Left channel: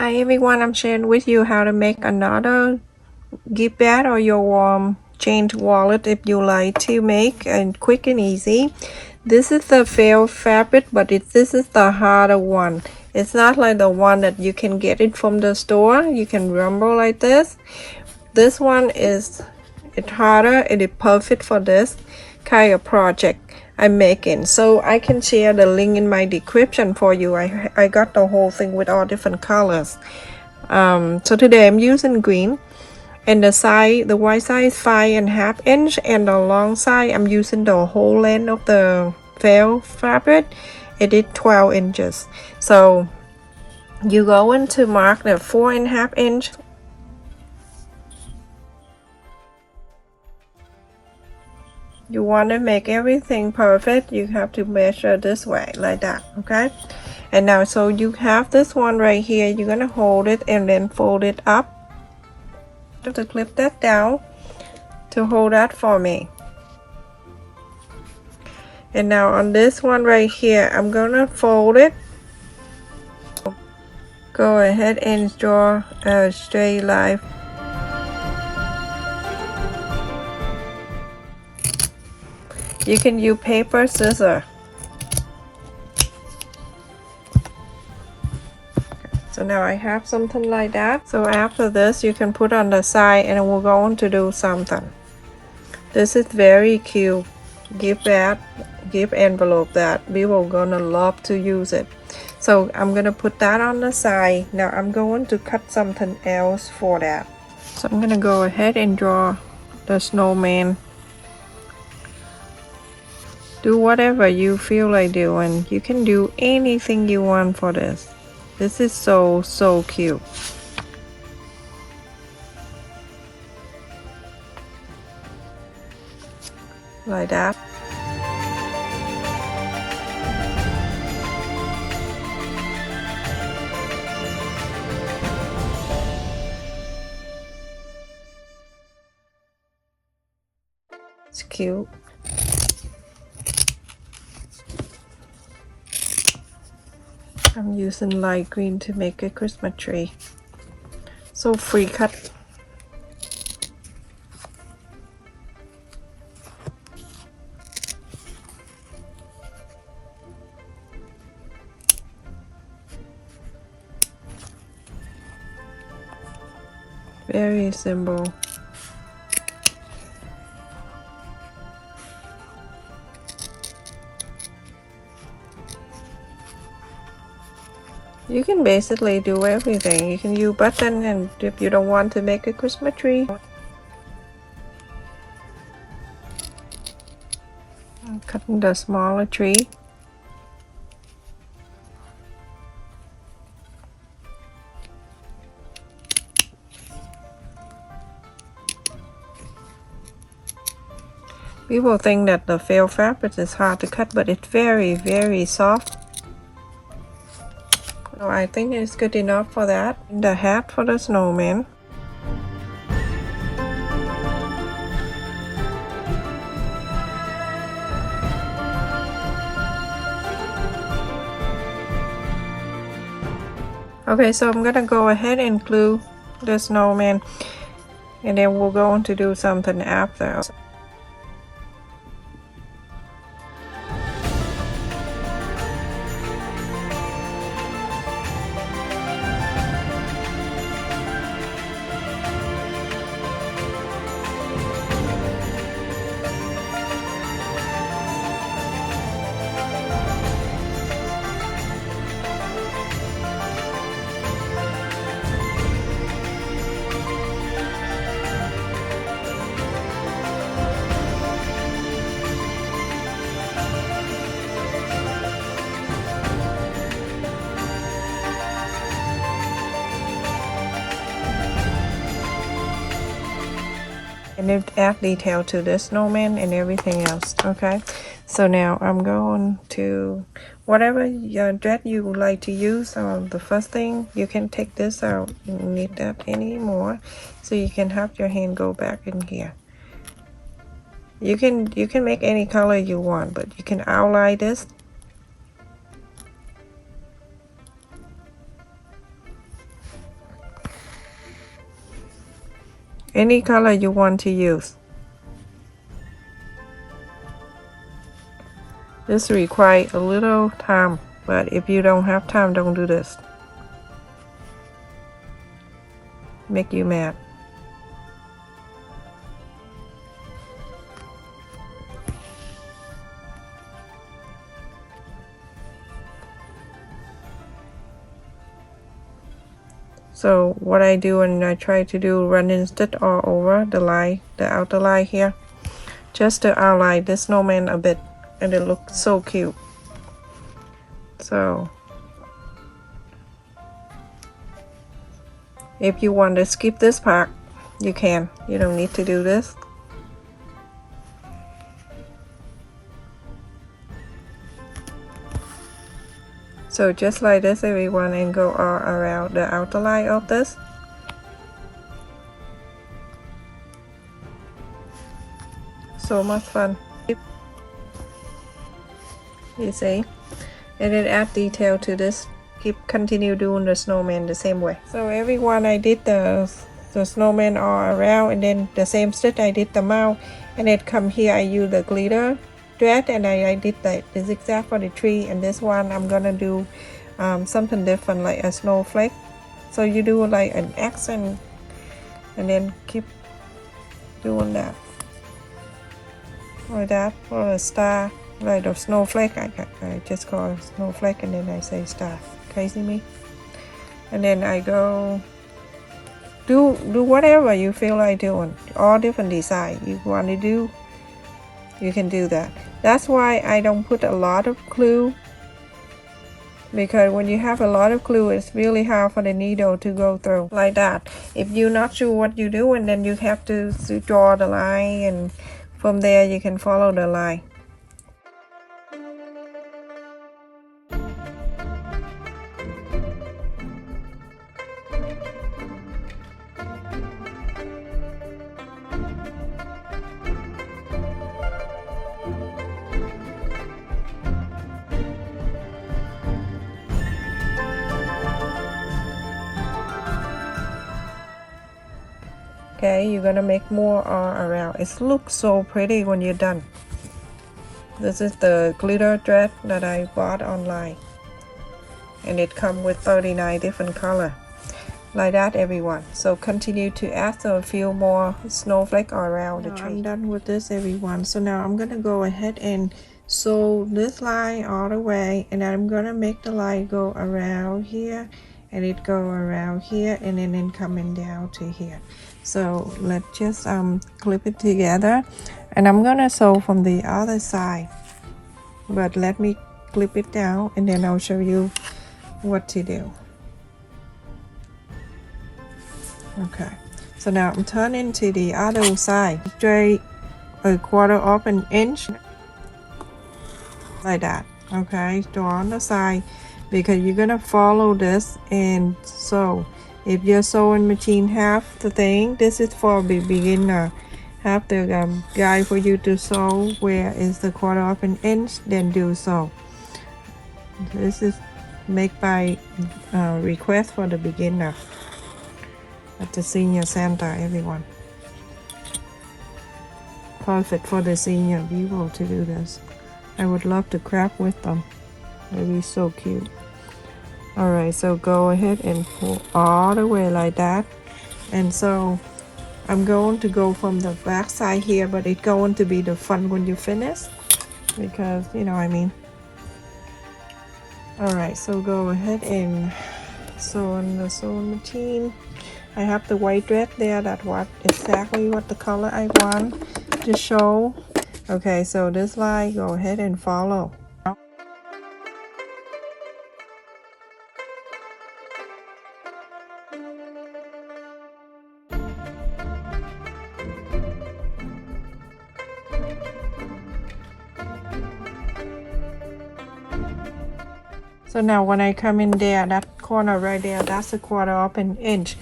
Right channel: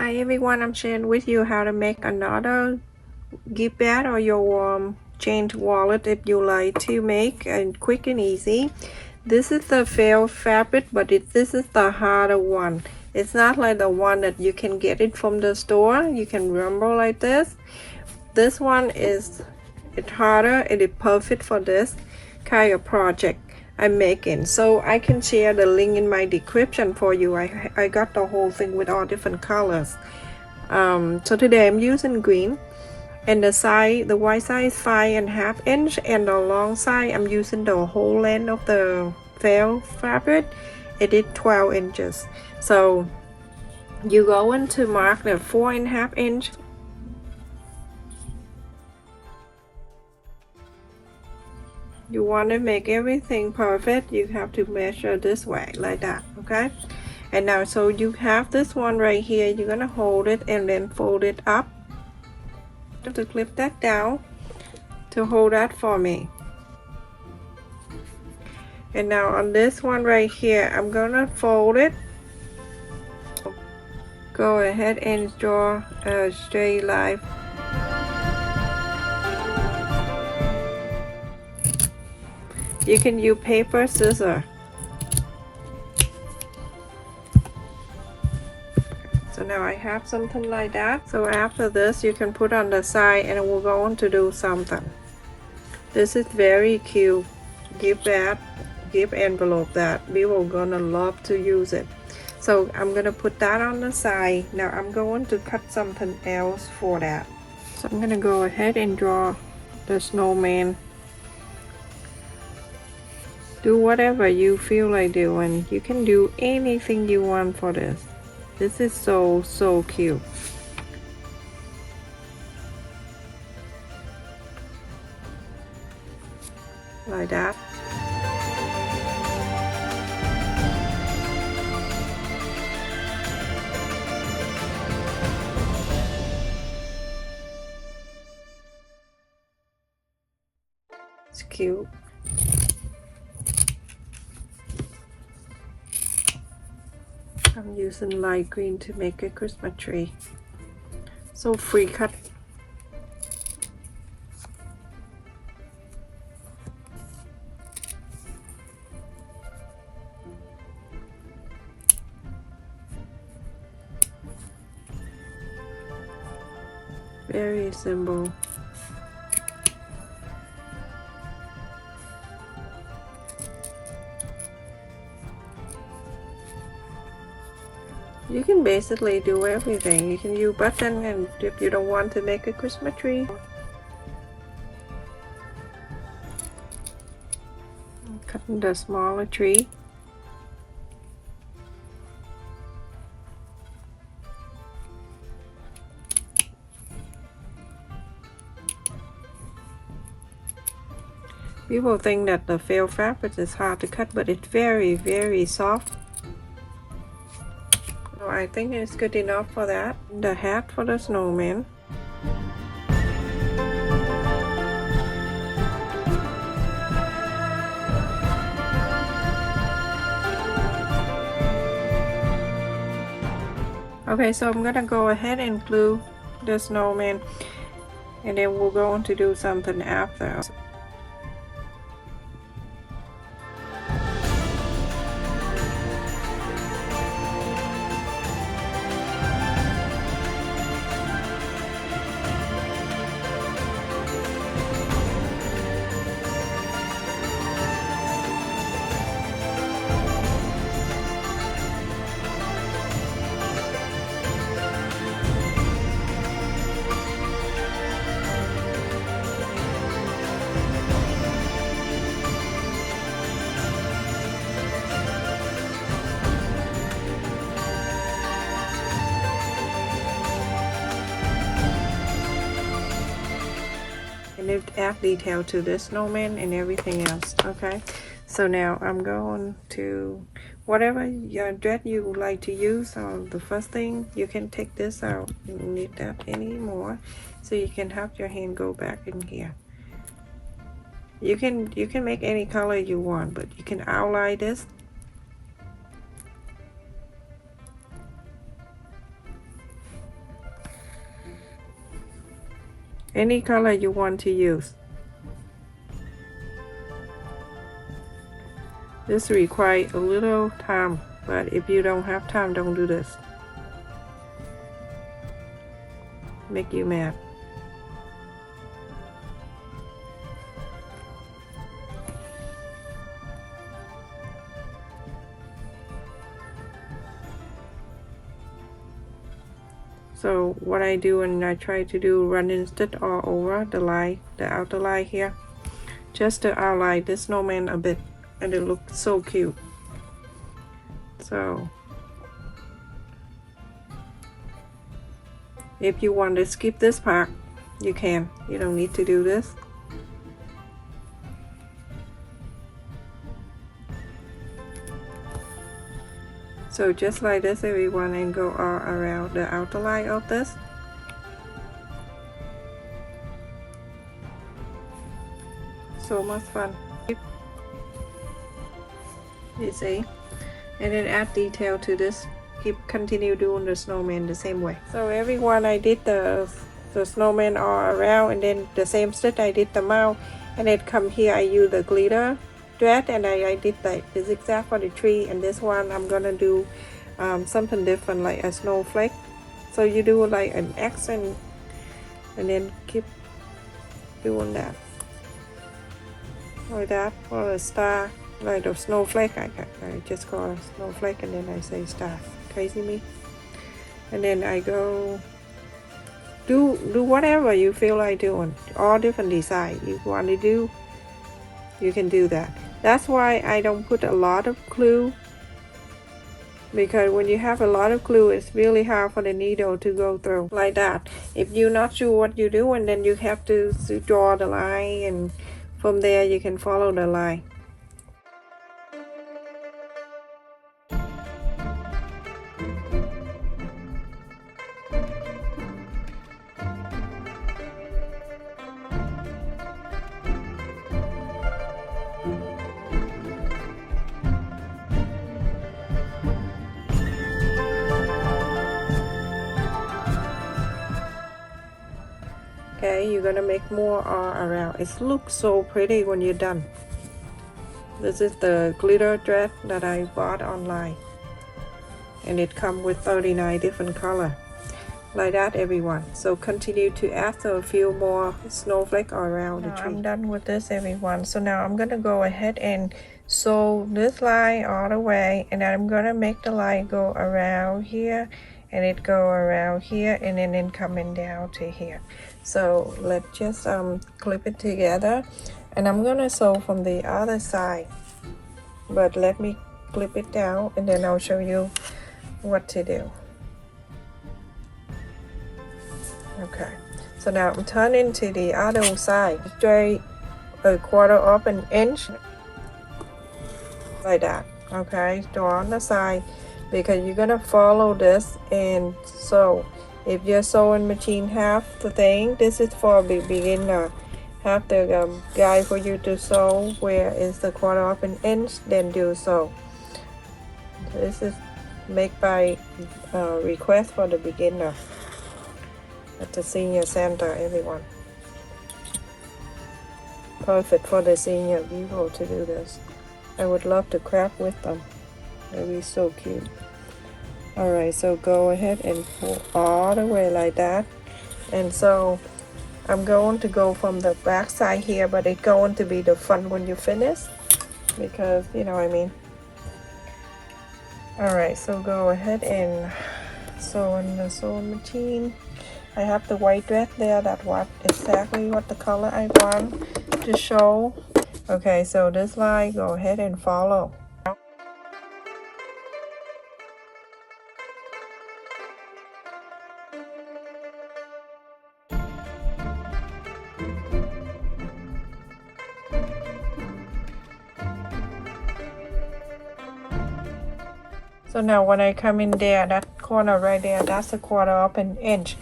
Hi everyone, I'm sharing with you how to make another gift bag or your chain wallet if you like to make, and quick and easy. This is the felt fabric, but this is the harder one. It's not like the one that you can get it from the store. You can rumble like this. This one it's harder. It is perfect for this kind of project I'm making, so I can share the link in my description for you. I got the whole thing with all different colors. So today I'm using green, and the side, the wide side is 5.5 inch, and the long side I'm using the whole length of the felt fabric. It is 12 inches. So you go in to mark the 4.5 inch. You want to make everything perfect, you have to measure this way, like that, okay? And now, so you have this one right here, you're gonna hold it and then fold it up. Just to clip that down to hold that for me. And now on this one right here, I'm gonna fold it. Go ahead and draw a straight line. You can use paper, scissors. So now I have something like that. So after this, you can put on the side, and we're going to do something. This is very cute gift bag, gift envelope that we were gonna love to use it. So I'm gonna put that on the side. Now I'm going to cut something else for that. So I'm gonna go ahead and draw the snowman. Do whatever you feel like doing. You can do anything you want for this. This is so cute. Like that. It's cute. I'm using light green to make a Christmas tree. So free cut. Very simple. You can basically do everything. You can use button, and if you don't want to make a Christmas tree, I'm cutting the smaller tree. People think that the felt fabric is hard to cut, but it's very soft. So I think it's good enough for that. The hat for the snowman. Okay, so I'm gonna go ahead and glue the snowman, and then we're going to do something after. And it add detail to the snowman and everything else. Okay, so now I'm going to whatever your thread you would like to use. The first thing, you can take this out. You don't need that anymore, so you can have your hand go back in here. You can make any color you want, but you can outline this. any color you want to use. This requires a little time, but if you don't have time, don't do this. Make you mad. So what I do, and I try to do running stitch all over the line, the outer line here, just to outline this snowman a bit, and it looks so cute. So if you want to skip this part, you can. You don't need to do this. So just like this, everyone, and go all around the outer line of this. So much fun. You see? And then add detail to this. Continue doing the snowman the same way. So everyone, I did the snowman all around, and then the same stitch I did the mouth, and then come here I use the glitter thread, and I did the zigzag for the tree. And this one I'm gonna do something different, like a snowflake. So you do like an X and then keep doing that like that, or a star, like the snowflake. I just call it snowflake, and then I say star. Crazy me. And then I go do whatever you feel like doing, all different design you want to do, you can do that. That's why I don't put a lot of glue, because when you have a lot of glue, it's really hard for the needle to go through like that. If you're not sure what you do, and then you have to draw the line, and from there you can follow the line. Okay, you're gonna make more all around. It looks so pretty when you're done. This is the glitter thread that I bought online, and it comes with 39 different colors. Like that, everyone. So continue to add a few more snowflakes around the tree. I'm done with this, everyone. So now I'm gonna go ahead and sew this line all the way, and I'm gonna make the line go around here, and it go around here, and then coming down to here. So let's just clip it together, and I'm gonna sew from the other side, but let me clip it down, and then I'll show you what to do. Okay, so now I'm turning to the other side, straight a quarter of an inch like that. Okay, so on the side, because you're gonna follow this and sew. If your sewing machine have the thing, this is for the beginner, have the guide for you to sew where is the quarter of an inch, then do so. This is made by request for the beginner at the senior center, everyone. Perfect for the senior people to do this. I would love to craft with them. They'd be so cute. Alright, so go ahead and pull all the way like that. And so I'm going to go from the back side here, but it's going to be the front when you finish, because you know what I mean. Alright, so go ahead and sew in the sewing machine. I have the white thread there, that's exactly what the color I want to show. Okay, so this line, go ahead and follow. So now when I come in there, that corner right there, that's a quarter of an inch.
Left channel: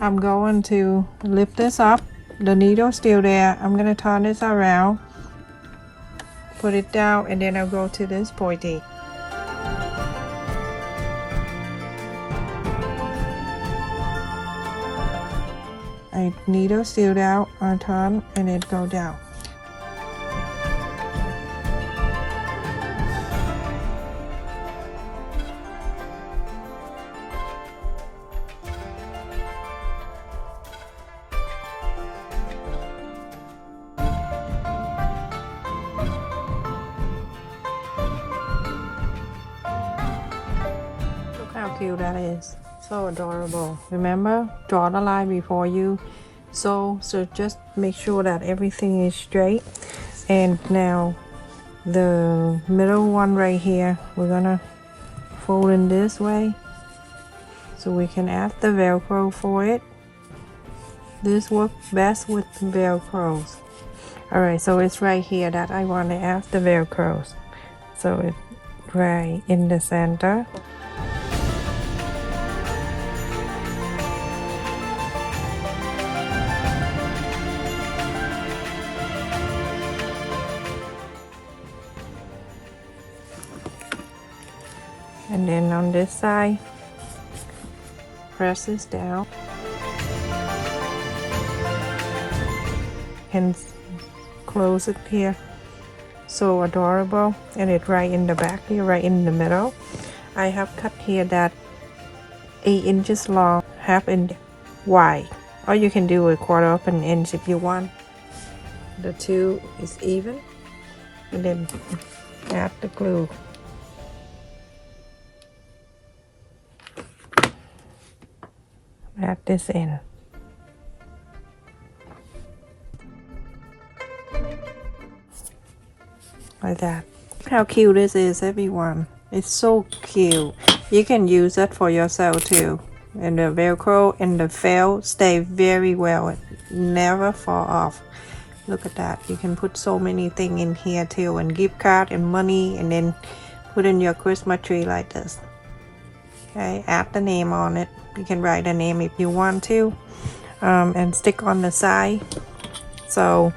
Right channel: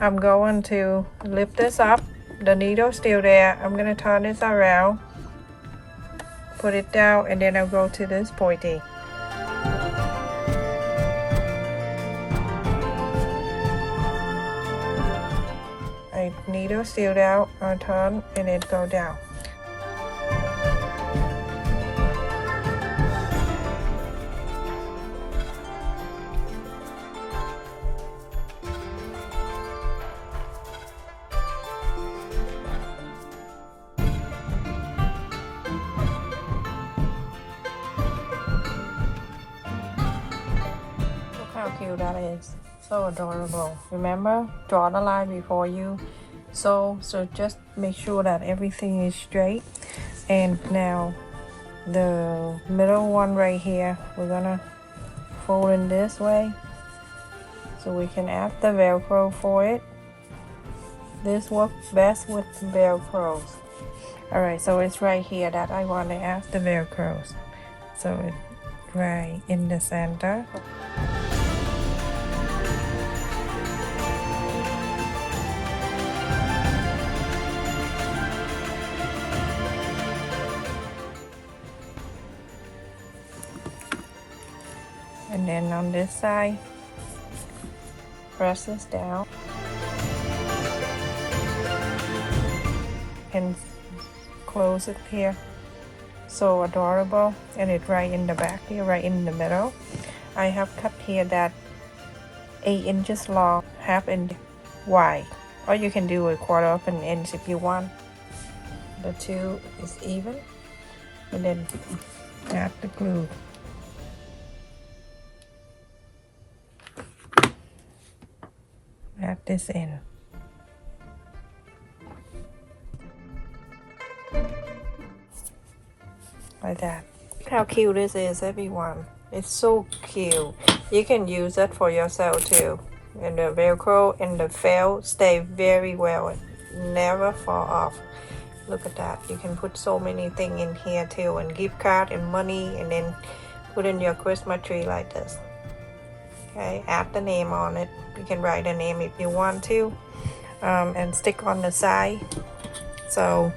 I'm going to lift this up. The needle still there. I'm going to turn this around, put it down, and then I'll go to this pointy. I needle still down, I'll turn and it go down. How cute that is. So adorable. Remember, draw the line before you sew, so just make sure that everything is straight. And now the middle one right here, we're gonna fold in this way so we can add the Velcro for it. This works best with Velcros. Alright, so it's right here that I want to add the Velcros. So it's right in the center. And then on this side, press this down and close it here. So adorable. And it's right in the back here, right in the middle. I have cut here that 8 inches long, half inch wide, or you can do a 1/4 of an inch if you want. The two is even, and then add the glue. Add this in. Like that. Look how cute this is, everyone. It's so cute. You can use it for yourself too. And the Velcro and the felt stay very well. It never fall off. Look at that. You can put so many things in here too, and gift card and money, and then put in your Christmas tree like this. Okay, add the name on it. You can write the name if you want to, and stick on the side. So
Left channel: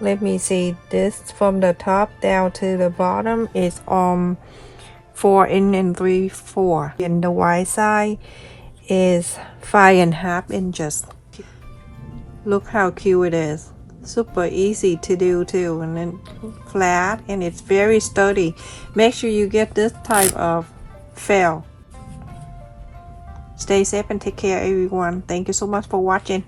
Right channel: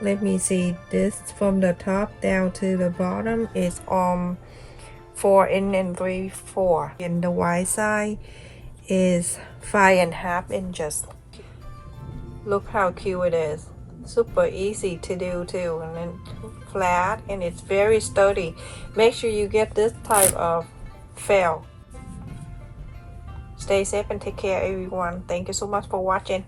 let me see, this from the top down to the bottom is 4 and 3/4, and the wide side is 5.5 inches. Look how cute it is. Super easy to do too, and then flat, and it's very sturdy. Make sure you get this type of felt. Stay safe and take care, everyone. Thank you so much for watching.